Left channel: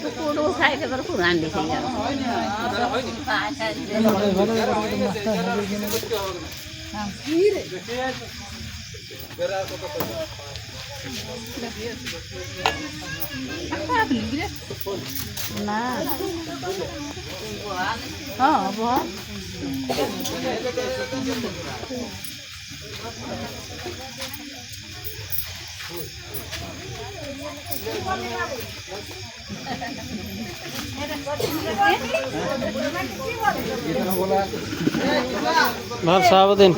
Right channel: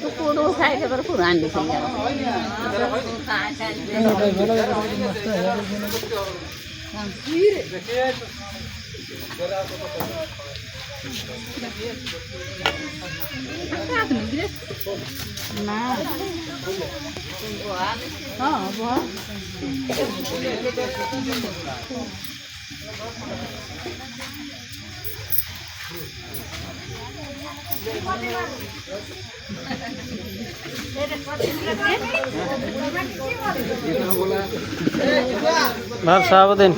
তো পুরো সাইডে করে পুরান দিছে না ভাব সারাদিন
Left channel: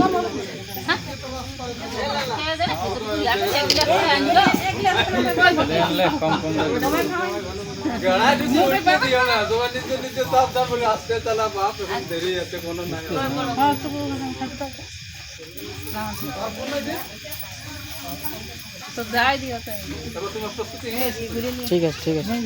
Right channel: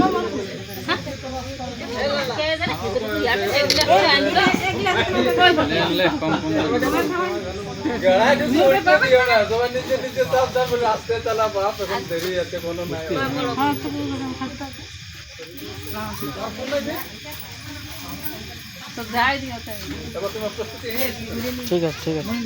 ঠিক আছে ঠিক আছে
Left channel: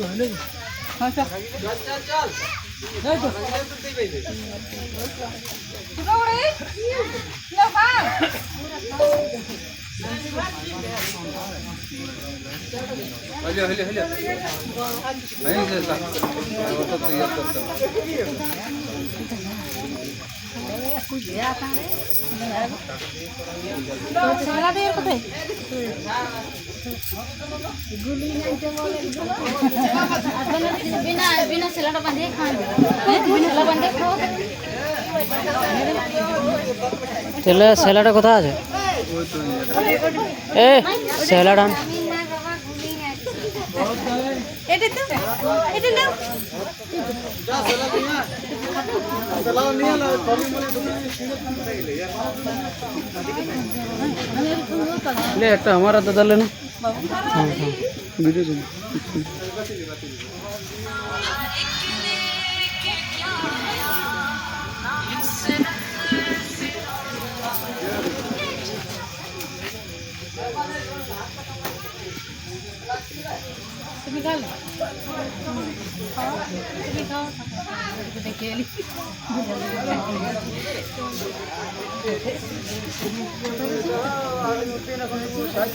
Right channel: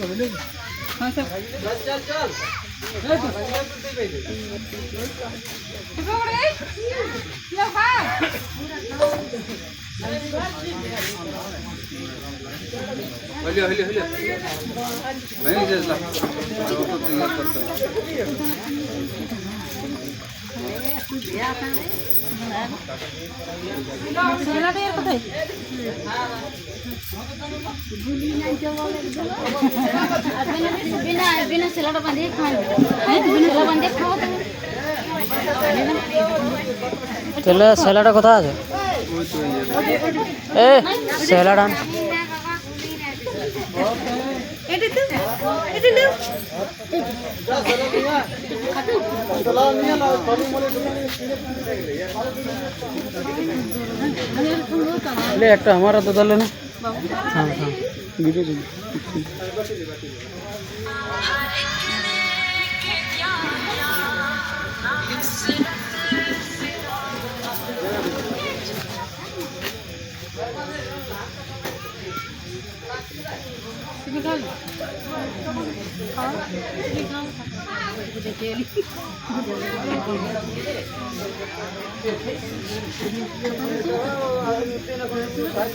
बिना सेलाटा बांधे सेला बांधे खाओ তাহলে সেলাটা কোথায় আছে এ সেলাটা এটা তো এটা নাও ले একটা আমার হাতে দিলে না হ্যাঁ হ্যাঁ ভিডিও দিন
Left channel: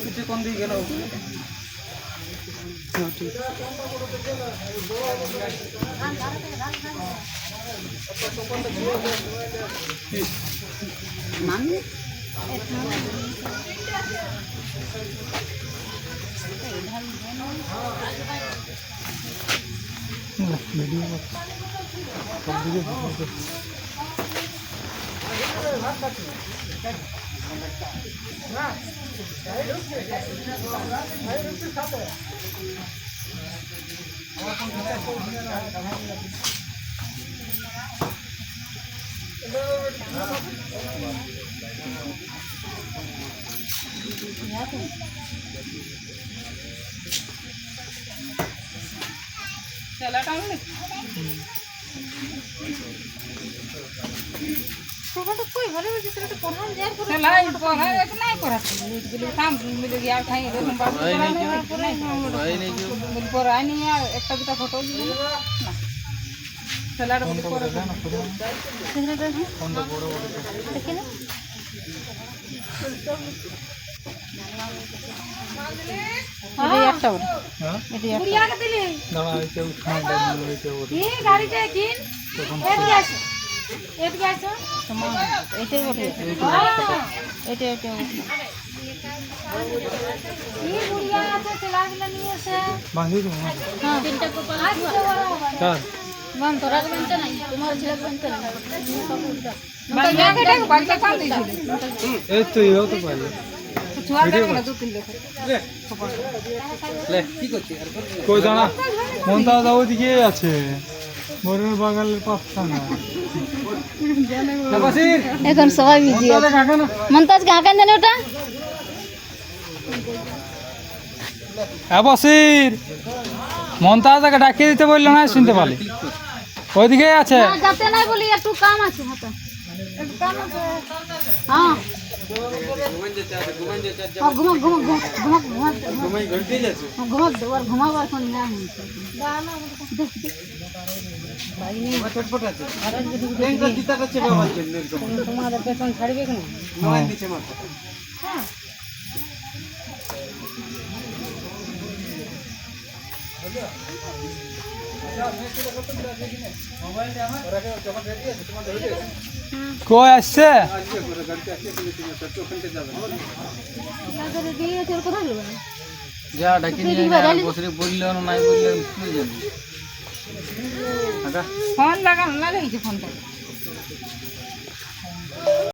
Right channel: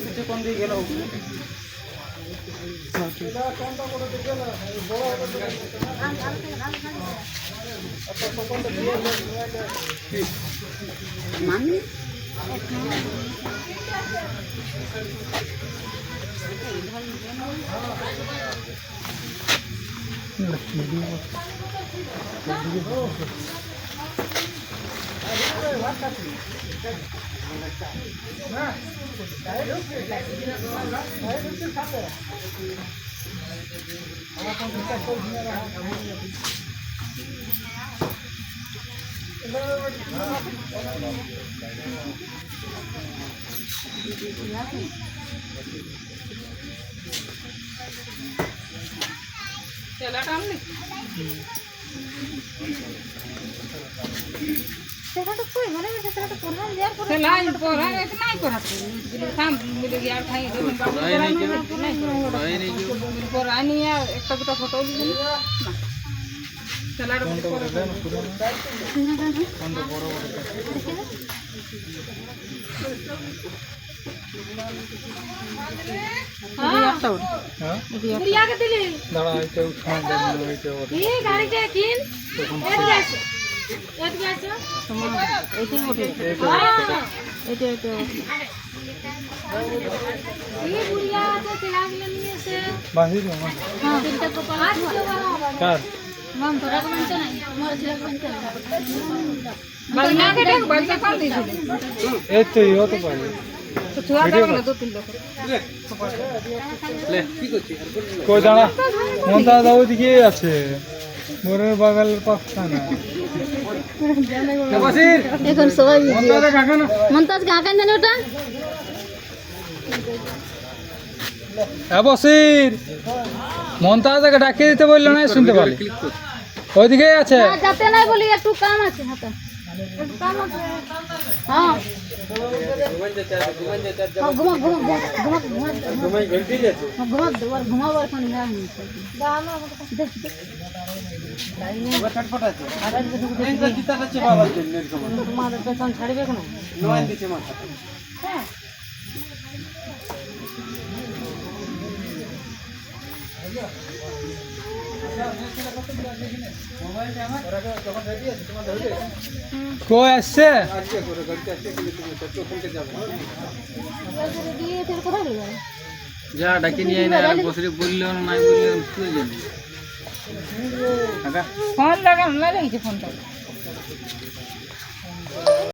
কিছু কম দিয়ে গেল मामी তোমরা কই ঘরে বসে তোরা কোন দেয়ার করে লাই পড়া এক নাই করা মিলে কাম মিলে গিয়া খাই এরকম বাবু নাই মিল পর আনি একটা দুটো ফটো দিবি না সেলার করে দাও না পুরো কোন বড় বড় দেখি না এই একটা বড় হ্যাঁ এই কুড়িয়া কে দিলে দাঁড়া এটা উঠান দাও এইটা ওরে এই গাড়িতে কিন এদিকে আসো এদিকে আসো তোমার এইটাই ওঠে এইটা এইটা এই বুড়িয়া আছে তেলাগুলো নিয়ে এসে বাহির হ্যাঁ তিনটা কপাল আছে কার মান তোরা বলতে নাই তোমার ছেলে বলতে না বাইরে থেকে বাড়িতে কোন দিছিল এই তো ইও তো পাইলে ছুয়া গেল তো তিন লোক লে কি করছিস কই দাঁড়া মনটা দাও দিকে আছে মোরের বাগালের পাশে না এখন সবাই বিজি মন্তাজ কাকা জানে ওটা হ্যাঁ বসির মন্তাজকে ডাকিয়ে দিতে বললো না শুনতে পারি ওইদিকে আছে যাতে নাই বলি একটু কাম আছে হাতে একটু কাম আছে হ্যাঁ ঘুমা ঘুমা ঘুমা ঘুমা ঘুমাই ঘন্টি যাচ্ছে ঘুমা দেওয়ার ঘুমাবার কোন নাম নেই দানা দেখ দেখ ভাই নেই ছটফট আছে আর আজকে ব্যাংক জিতা যাচ্ছে বাবার জন্য তোমাদের পেছন ছাড়বে কেন নয় দিছে মাথা হ্যাঁ কই আসছে যা ডাকি নিয়ে বসে বললে নাই বললে তুই জানি ফোন লাগাইছে ফোনটা